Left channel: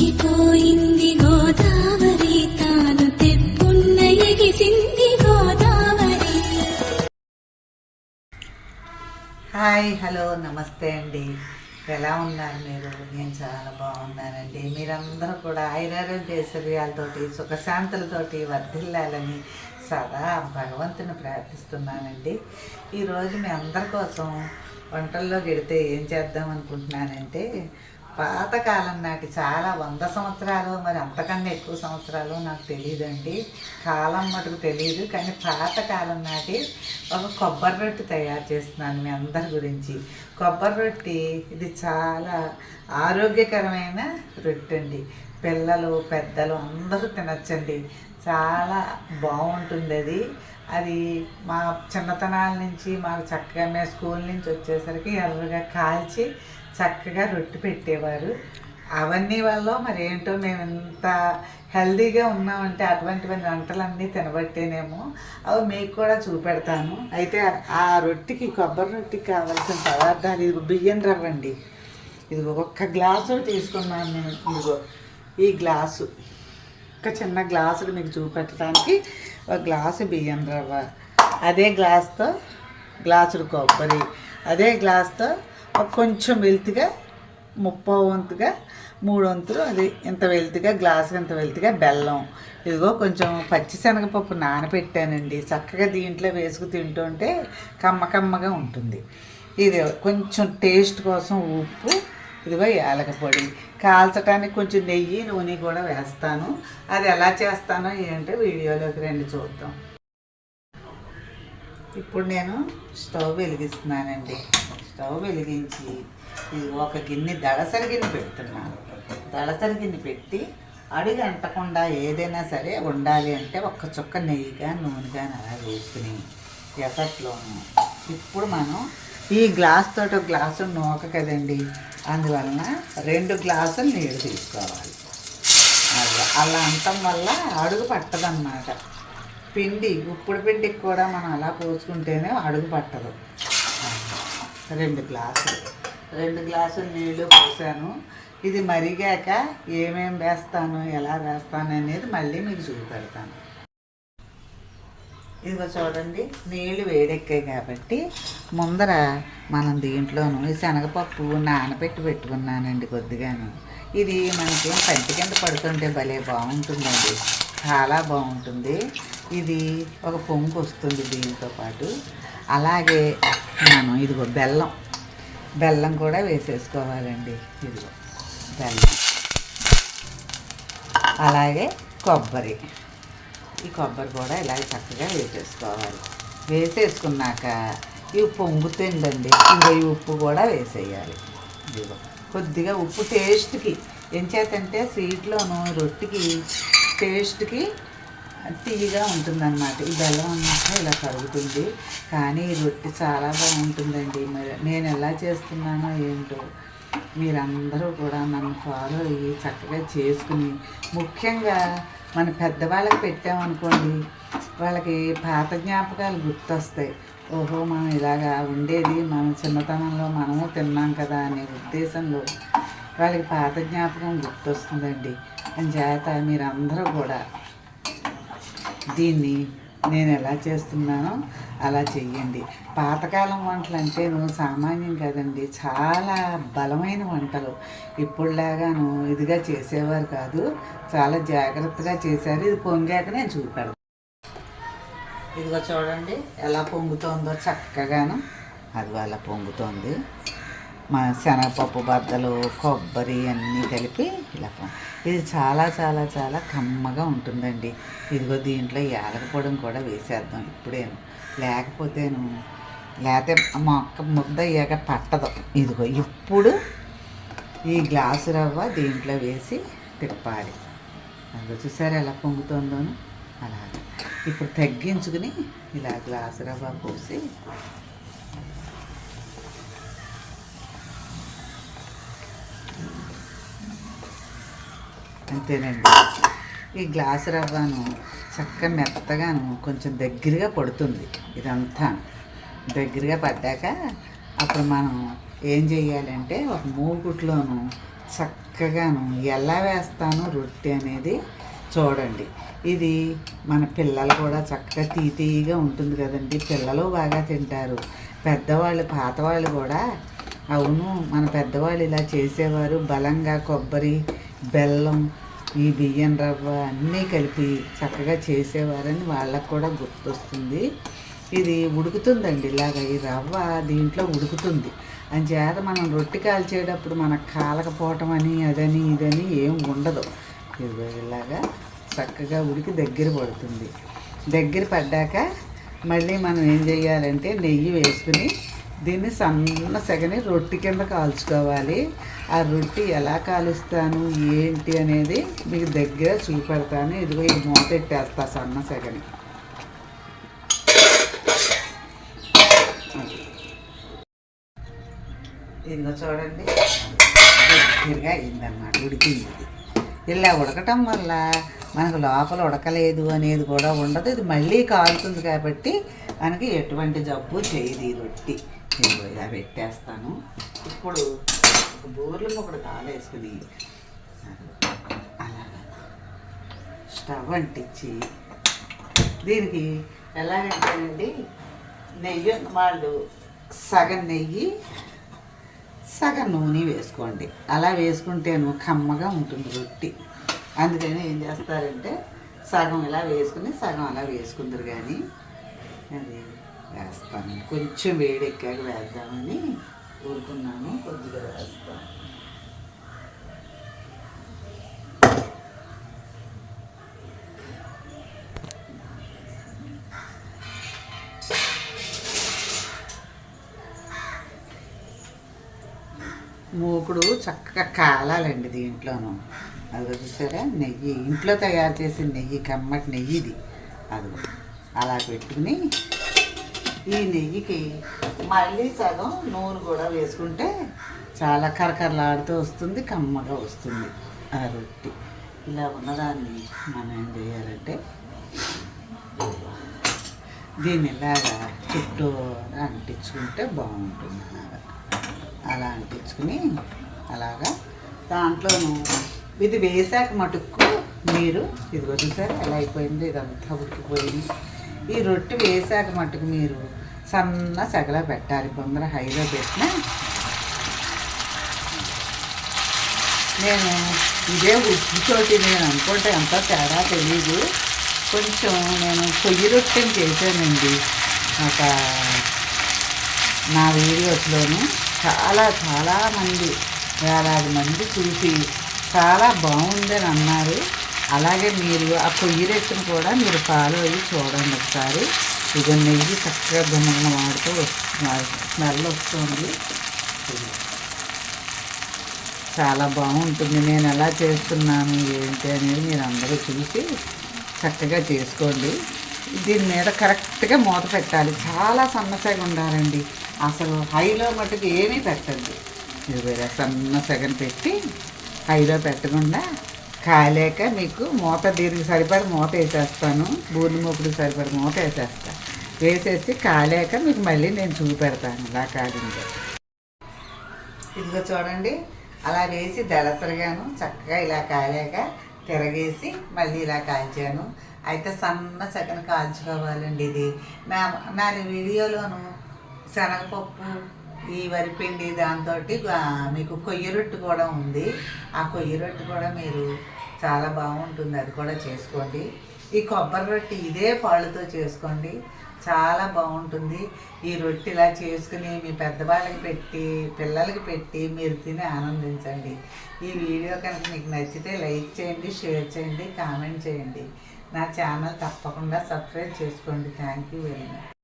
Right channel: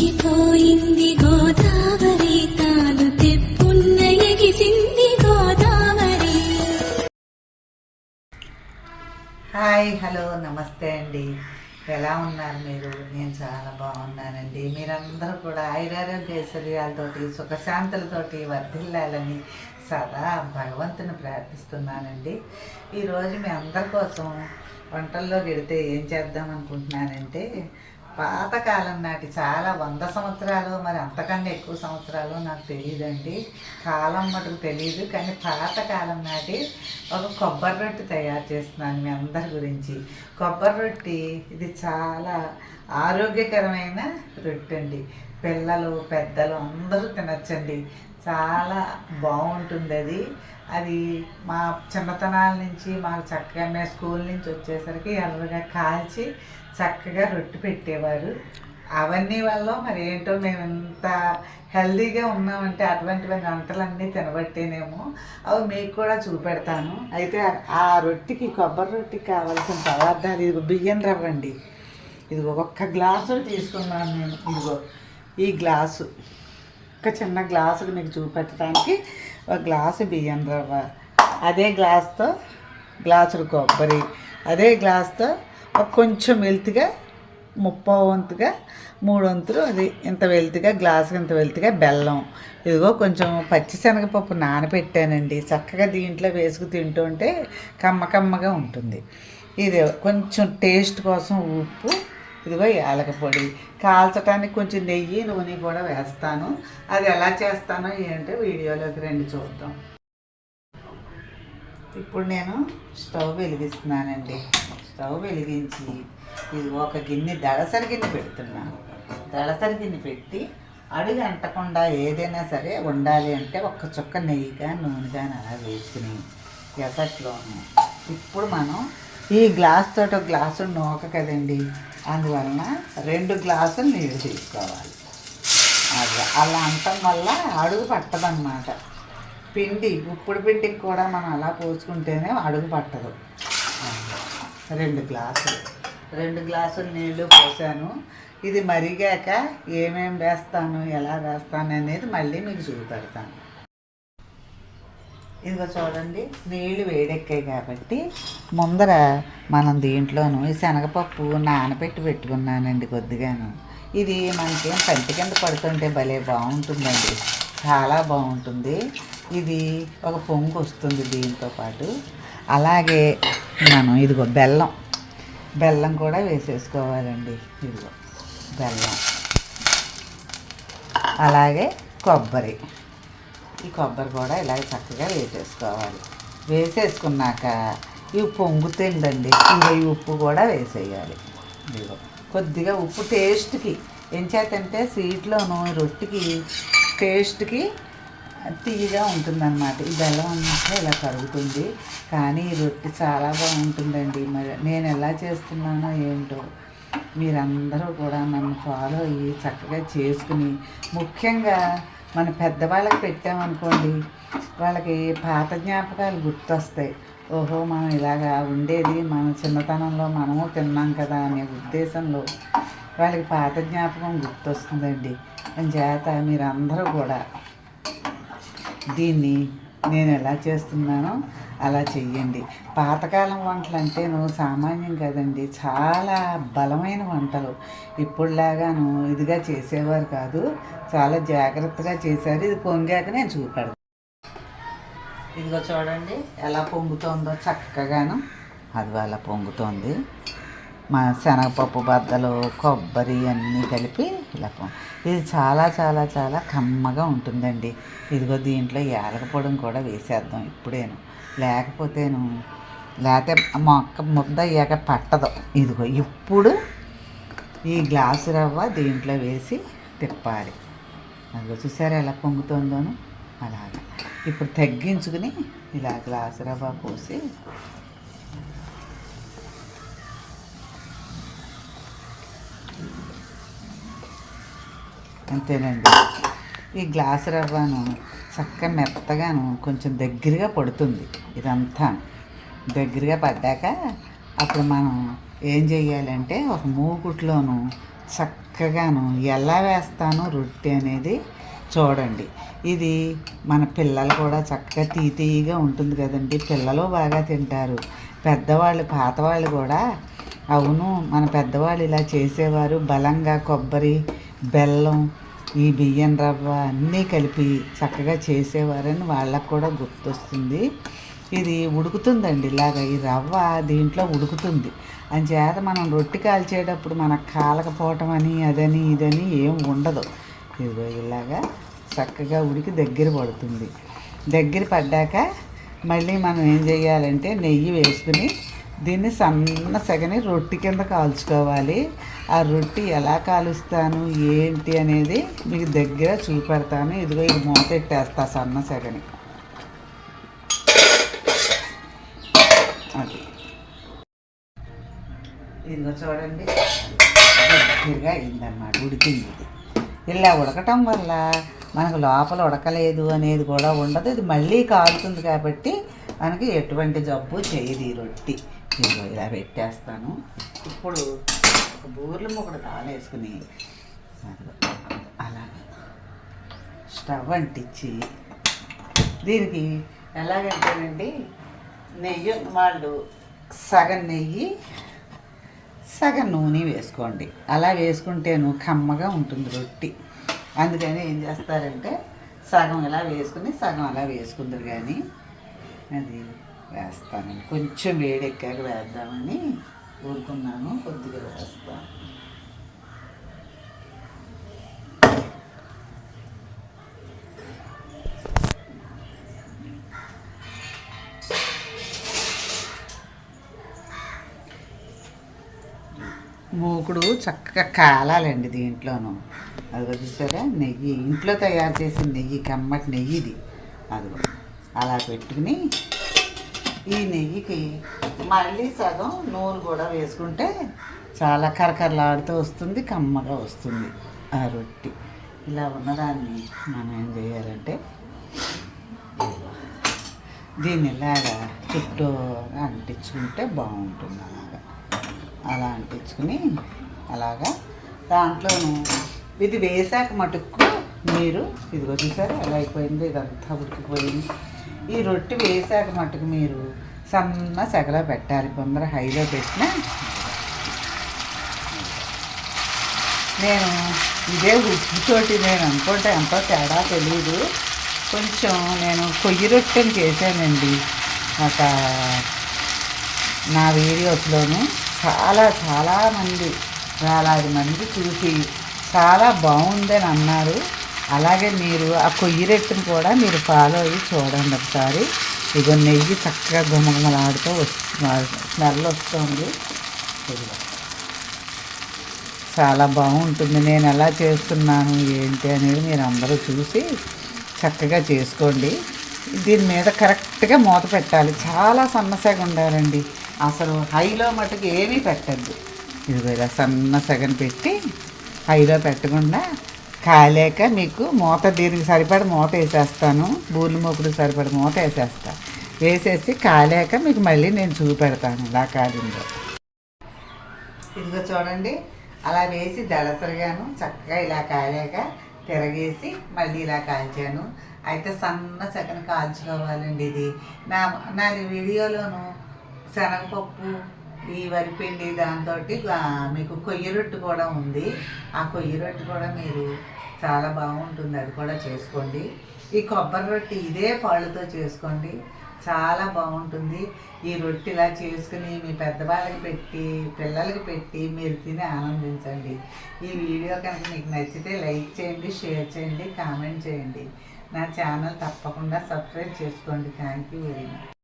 పొంగిపోయింది గోదావరి తాను తెప్పున్న ఎగిసింది Godavari. Hi, hello, నమస్తే అండి. ఎలా ఉన్నారు మీరు? నేను చాలా బాగున్నానండి. మీరందరూ కూడా ఆయురారోగ్య ఐశ్వర్యాలతోటి సుఖశాంతులతోటి వర్ధిల్లాలని సదా భగవంతుని ప్రార్థిస్తున్నానండి. ఈరోజు మీ అందరి కోసం వంటల్లో గెడితే ఏం చేద్దాం అనుకుంటున్నానంటే, పాతకాలం నాటి చాలా 100 సంవత్సరాలు మరి అంతకన్నా ఎక్కువ సంవత్సరాలు నాకు తెలియదండి, కాలం మటుకు తెలియదు, కానీ పాతకాలం నాటి ఒక కొబ్బరి రొట్టె తయారు చేస్తున్నాను మీ అందరి గురించి. కొబ్బరి రొట్టె ఇది చాలా ఆరోగ్యకరమైన రొట్టె అండి. పిల్లలు పెద్దలు అందరూ తినచ్చండి. చాలా బాగుంటుంది అది మా చిన్నతనాల నుంచి మాకు చక్కగా మేము స్కూల్ నుంచి వచ్చేసరికి ఎర్రగా కాల్చి చక్కగా రొట్టె పెట్టేవారు. అవన్నీ వల్ల మరి ఏంటో మేము ఇంత హెల్దీగా ఉన్నామంటే అటువంటి వంటలన్నీ తినబట్టేనేమో. అవి మీకు కూడా చూపెడతాను. అయితే ఆ రొట్టెకి కొబ్బరి రొట్టెకి కావాల్సిన పదార్థాలు ఇదిగో బియ్యం రవ్వ అండి. ఇదిగో 1 గ్లాసు తీసుకున్నాను నేను. ఇదిగో ఈ గ్లాసు, ఒక చిన్న గ్లాసులు మీకు చూపెట్టడానికి 1 గ్లాసు బియ్యం రవ్వ, అదే గ్లాస్తో గ్లాసులు కొబ్బరి, అదే గ్లాస్తో కొంచెం వెల్తిగా 30 వంతుగా 3 వంతులు అది ఇంత వెల్తిగా గ్లాసు ఇంత వెల్తిగా బెల్లం. ఇదిగో కొంచెం పచ్చిశనగపప్పు నానబెట్టానండి. చక్కగా దీంట్లో వేసుకు తింటుంటే కమ్మగా ఉంటుంది. ఇది కొంచెం టేస్ట్ కోసం ఉప్పు, ఇదిగో యాలక పొడి, కాల్చడానికి కొంచెం నెయ్యి నూనె కూడా వేస్తాను. అది ఎలా చేస్తానో ఏంటో వీడియోలోకి రండి చూద్దాం. ఇప్పుడు నేను స్టవ్ వెలిగిస్తున్నానండి. స్టవ్ వెలిగించి ఇది ఒక గిన్నె దళసరి గిన్నె పెడుతున్నాను. దళసరి గిన్నె పెట్టి అడుగు అంటకుండా ఏదైనా సరే ఉండాలి అంటే 1 చుక్క నెయ్యిగా నూనె కానీ అలా వేసుకుని ఎసట్లోను ఇప్పుడు మనం ఈ గ్లాస్ తోటి 1 గ్లాసు నూక కదండి, అందువలన 2 గ్లాసులు నీళ్ళు తీసుకోవాలి. అది అలా అంటం వల్ల అడుగు పట్టదన్నమాట. పిండి ఉప్పుడు పిండికి కూడా మనం అలా పోసుకుంటేనే అడుగు పట్టదు. 2 గ్లాసులు నీళ్ళు పోసాను. ఇది మరిగాక ఏమేమి వేస్తాను ఎలా వేస్తాను అనేది మళ్ళీ మీకు చూపెడతాను. ఇదిగో చూడండి, నీళ్ళు వేడెక్కాయి కాబట్టి ముందర మనం దీంట్లోనూ ఈ శనగపప్పు నానబెట్టి పెట్టుకున్నానండి కొద్దిగాను. ఇది మనకేం పంటి కింద పడుతుంటే భలే బాగుంటుందండి, చాలా బాగుంటుంది. ఇది ఒక పొంగు వస్తుంది దీంతో పాటు. అలాగే మనం ఇదిగో బెల్లం కూడా వేసేసుకోవాలండి. ఇదిగో బెల్లం, అలాగే కొబ్బరి, ఈ కొబ్బరి కూడా ఇలా చక్కగా వేసేసుకోవాలి. వేసేసుకున్నాక ఇవి పొంగుతుందండి, ఇంకా ఈ ఉప్పు కూడా వేసేయాలి. ఇదిగో కొద్దిగా ఉప్పు టేస్ట్కి, ఎంచేతంటే స్వీట్లోను రొట్టెకి టేస్ట్కి తీయగా ఉంటుందన్నమాట. ఈ బెల్లం అన్నమాట ఇలా కరుగుతుంది, కానీ ఈ రొట్టె చాలా బాగుంటుందండి. మరి నేను ఎలా చేస్తున్నానో ఏంటో మీరందరూ కూడా నన్ను ఫాలో అయ్యి చక్కగా చేసుకుని, ముఖ్యంగా మన పెద్దవాళ్ళకి పెట్టామనుకోండి, వాళ్ళకి పాత జ్ఞాపకాలు గుర్తొస్తాయి. ఓహో, మనం ఇలాగా ఉండేది మన చిన్నతనంలో మనము తిన్నాం కదా అనే ఉద్దేశంలో వాళ్ళకి పాత జ్ఞాపకం గుర్తొస్తుందండి. చేత మీరందరూ కూడా దీన్ని నేను ఎలా చేస్తున్నానో అలా చెయ్యండి. పాతకాలం వంటలు అంటే సామాన్యం కదండి, చాలా బలమైన వంటలు. ఇప్పుడులాగాను ఇదిగా చేసేవారు కాదు, చాలా జాగ్రత్తగా చేశారు. ఇది పొంగాక నేను చూపెడతాను. ఇదిగో చూడండి ఎలా పొంగుతోందో చక్కగాను. అది అలా పొంగుతోంది. మా శనగపప్పు బద్దలు కొబ్బరి అన్నీ కలిపి ఇలా ఇది చాలా చాలా చాలా కమ్మగా ఉంటుందండి. ఇదిగో దీంట్లో యాలక పొడిని కూడా వేసేద్దాం ఇప్పుడేను, లేకపోతే మొక్క ముద్ద అయ్యాక పట్టదు. ఇదిగో ఇప్పుడు ఈ గ్లాసు రవ్వ దీంట్లో వేసి తిప్పాలి. అదిగో చూసారా ఎలా పొంగుతుందోను. అలాగే ఇప్పుడు తగ్గించుకుని ఇలా గ్లాసు రవ్వ పోసి అంతేనండి. ఈ గ్లాసు రవ్వను చక్కగా మెత్తగాను కొంచెం దగ్గరగా పడుతుంది. ఇదంతా దగ్గరగా పడ్డాక అప్పుడు మనం ఏం చేయాలంటే ఒక మూకుట్లోను చక్కగాను ఎలా వేస్తాను రొట్టె అనేది చూడండి. ఇది మన పిల్లలు కూడా చక్కగా తీయగా ఉంటుంది కదండి, పిల్లలు బాగా తింటారు. పెద్దవాళ్ళు పాతవాళ్ళు కూడా అవును మన పెద్దవాళ్ళు ఇలా చేసేవారు, బలంగా కొబ్బరి బెల్లం ఈ బియ్యం రవ్వ అన్నీ కలిపి చక్కగా చేసేవారని వాళ్ళకు కూడా గుర్తొస్తుంది. ఇది ఉడుకుతుందండి, ఇలాగ ఈ రవ్వ దీంట్లో ఉడుకుతుంది అని చేత మనం రొట్టె కాల్చేటప్పుడు మనకు కాలకపోవటం అని అదని ఇదని ఏం ఉండదు. ఇదిగో ఇలాగా చక్కగా ఉడికి దగ్గర పడుతుంది. దగ్గర పడ్డాక మళ్ళీ మనం ఏం చేయాలంటే నెయ్యి వేసుకుని దీన్ని సన్న సెగని రొట్టె కింద కాల్చుకోవాలి. ఆ రొట్టె ఎలా కాలుస్తాను ఏంటి అనేది మీకు దగ్గర చూపెడతాను. ఇదిగో ఇది మూతెట్టేస్తా సన్న సెగని. ఇదిగో చూడండి దగ్గరగా అయిందన్నమాట, ఉడికింది. ఇది ఇలా ఉడకటం వల్ల మనకు లోపల ఉడకలేదు అనేది కూడా ఉండదు. ఇది మళ్ళీ కాలుతుంది కాబట్టి మనకి ఎటువంటి జబ్బు చేయదు ఈ రొట్టె. నేను ఇలా పెట్టేస్తాను. ఇప్పుడు ఒక బూర్లు ముక్కడు కాలేసుకుని అలాగే స్టవ్ అంటించి దీనికి ఎలాగంటేనండి, నెయ్యి వాళ్ళు సగం నెయ్యి సగం నూనె వేసుకోండి. అలా వేసుకుంటేను కమ్మగా ఉంటుంది రొట్టె. అందుకని ఏం చేస్తారంటే సగం ఇలా వేసుకుని సగం అలా వేసుకుందరు. కానీ అది వేస్తాను, కొంచెం వేడెక్కాక వేద్దామని ఊరుకున్నాను, కొద్దిగా వేస్తాను. మూకుడు చక్కగా కాలాలండి దీంట్లోనూ. అది చూసారా, నెయ్యి ఇంట్లో తయారు చేసిన నెయ్యి, కమ్మటి నెయ్యి ఇది. అది అలా పెట్టుకుని ఈ నెయ్యికి మళ్ళీ సగం నూనె కూడా వేసుకుంటే చాలా కరకరలాడుతూ వస్తుంది, కమ్మగా వస్తుంది ఆ రొట్టె. ఇలా ఉన్నదాన్ని మనం ఏం చేయాలంటే దీన్ని ఇలాగా చుట్టూ అంటించుకుంటే బాగుంటుంది. అలా అంటించుకుని అలాగా దాంట్లోనూ ఇది వేసాక మటుకు మీరు ఇదిగో చూసారా ఎలా అయిపోయింది, ఇదంతా ఉడికిపోయింది. ఈ రొట్టె వేసాక మటుకు మీరు సన్న సెగలో పెట్టాలి, కొందరు హైలో పెట్టినా. నేను ఇదే ఉప్పుతోటి నేను అనుకుంటే ఎంత తేడా తెలియదు, కొంచెం నేను పొయ్యి రొట్టెని చేశానండి ఒక నా వీడియోస్లోను. చాలామంది 1,000 మంది చూసి చాలా బాగుందని అన్నారు. అలాగే మీరు ఆ పొయ్యి రొట్టెని కూడా మీరు ఫాలో అయ్యి చూడండి ఒకసారి. ఇది నెయ్యి చక్కగా గుమగుమలాడుతూ స్మెల్ వస్తుంది, చాలా బాగుంటుంది. నేను ఎలా చేస్తున్నాను ఏంటి అనేది మీరు అందరూ చూసి చక్కగా చేసుకోండి. దీని మీద కరెక్ట్గా మూత పెట్టాలి, చాలా సన్నసగా ఉండాలండి. అసలు హైలో మటుకు ఏమీ పెట్టద్దు. ఇది ఇలా సన్న సగం పెట్టి హైలో పెట్టకుండా కాలేక మీకు మూత దీనికి సరిపడ మూత వేసేస్తాను. బూర్లు మూకుడు సరిపడ మూత వేసేస్తాను. వేసేసి కాలేక మీకు మళ్ళీ నేను చూపెడతాను ఇలా కాలిందో. ఇదిగో చూడండి, అలా వేసి దళసరిగాను చక్కగా ఇలా కాలేక తిరగేసి మళ్ళీ ఇలా కాల్చాను. అయితే సన్న సగం కాల్చుకోవాలండి. ఇది నా వీడియోలోను శనగపప్పు ఈ వరిపిండి దాంతో మీకు కొయ్య రొట్టె కూడా ఉంది. ఆ కొయ్య రొట్టె కూడా మీరు చాలా బాగుంటుంది, అది కూడా చేసుకోండి. ఈ కొబ్బరి రొట్టె ఇదే పాళ్ళతో చేసుకోండి, చాలా బాగుంటుంది. ఈ రొట్టె ఇలా చేసుకుని మీ పెద్దవాళ్ళకి పెట్టి పిల్లలకి పెట్టి మీరు తిని ఆనందించండి. ఈ వీడియో కనుక మీకు నచ్చితే లైక్ చేయండి, షేర్ చేయండి, కామెంట్ చేయండి. నా ఛానల్ తప్పకుండా సబ్స్క్రైబ్ చేసుకోండి. Thank you very much.